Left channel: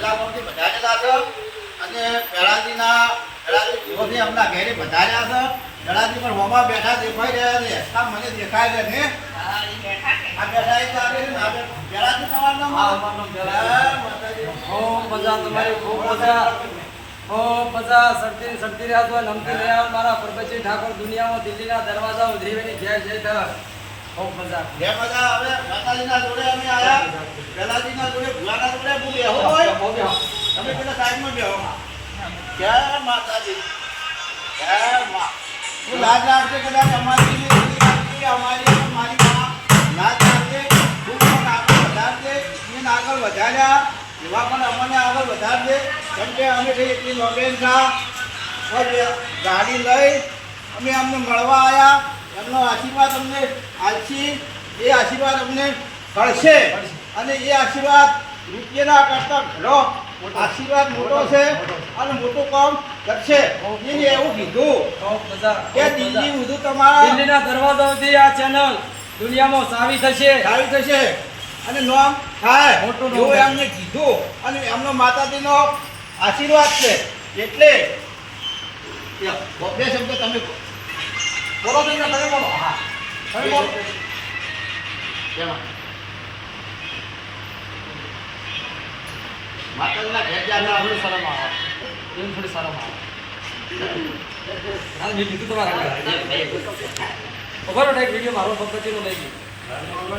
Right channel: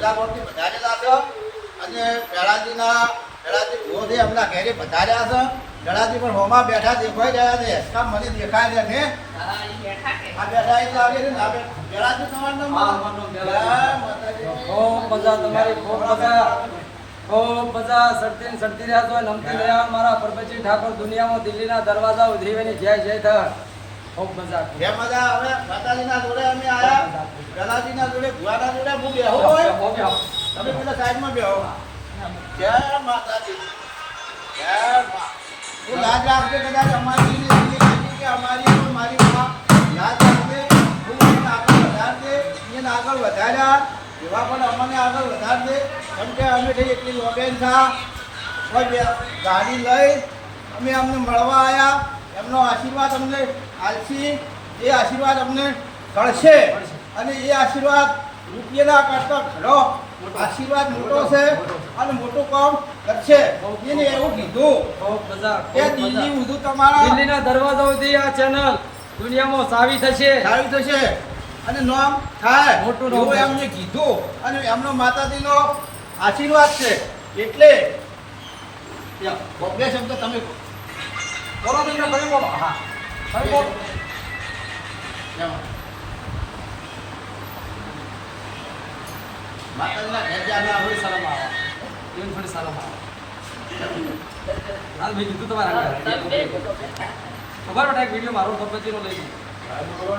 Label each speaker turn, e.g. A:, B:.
A: જિલ્લા પંચથી વધારેલા છે અને ગળાજીના ગળાજી ભૂવોથી એમના ઘેરી વધાર્યા છે. ગળાજી પણ હોમાં બેઠા દેખાઈ રહ્યા છે. હેસકા મને દેખાય છે ને આ બેઠા તો આવી તમારું.
B: ખૂબ મજા તમારી ખૂબ મજા. ખૂબ મજા સરતી સરતી રહ્યા છો નમતી રહ્યા. મારા પરબતજી ઠાકોર દુનિયામાં દિલ્હીના દરવાજા ઉધરીને જય જય ધ ખૂબ મજા.
A: જય મજા હવે માતાજીના જોડે અમે આયા. પેલાજીના જોડે ભુવાના જોડે હું બેહો હોય? તમે પેલા સાઈડમાં બેહો. જય માતાજી. મા. હું લાજ રાખજે કદાચ અમારી અમારી મારી લાજ રાખજે. હું પણ આગળ વધારજે. એને આગળ વધાર્યા એવા પણ અમને આગળ વધારજે. કેમ કે અમે થઈ એટલી નોબેન થા. ગાડી લઈ અમે અમને મળવા આવ્યા એમનો આશીર્વાદ અમને આલસી. એ આશીર્વાદ અમને કરશે અને એ આશીર્વાદ રૂપિયાના કરતા ઘણો આશીર્વાદ મોટો છે અને મોટું કામ કરશે? એને એવું કીધું. કે દિલ્હી ઉધું તમારા
B: દિલ્હીના દરવાજાઓથી આ ચેનલ દુનિયામાં સાવી થશે.
A: સારું થશે. અને નામ થાય.
B: મોટું નામ
A: એમને કીધું. અને એમનો માતાજીનો આશીર્વાદ છે. એટલે બે શબ્દ તમે બોલો. તમે બોલો. હા. તમે બોલો. માતાજીના ઘેર જ્યાં આપણે
B: થોડી શરમ આવે. એમ થોડી શરમ આવે. હા મેં કીધું તમારા ખબર એક વીડિયો મારો પદ્ધતિનો લઈ ગયો.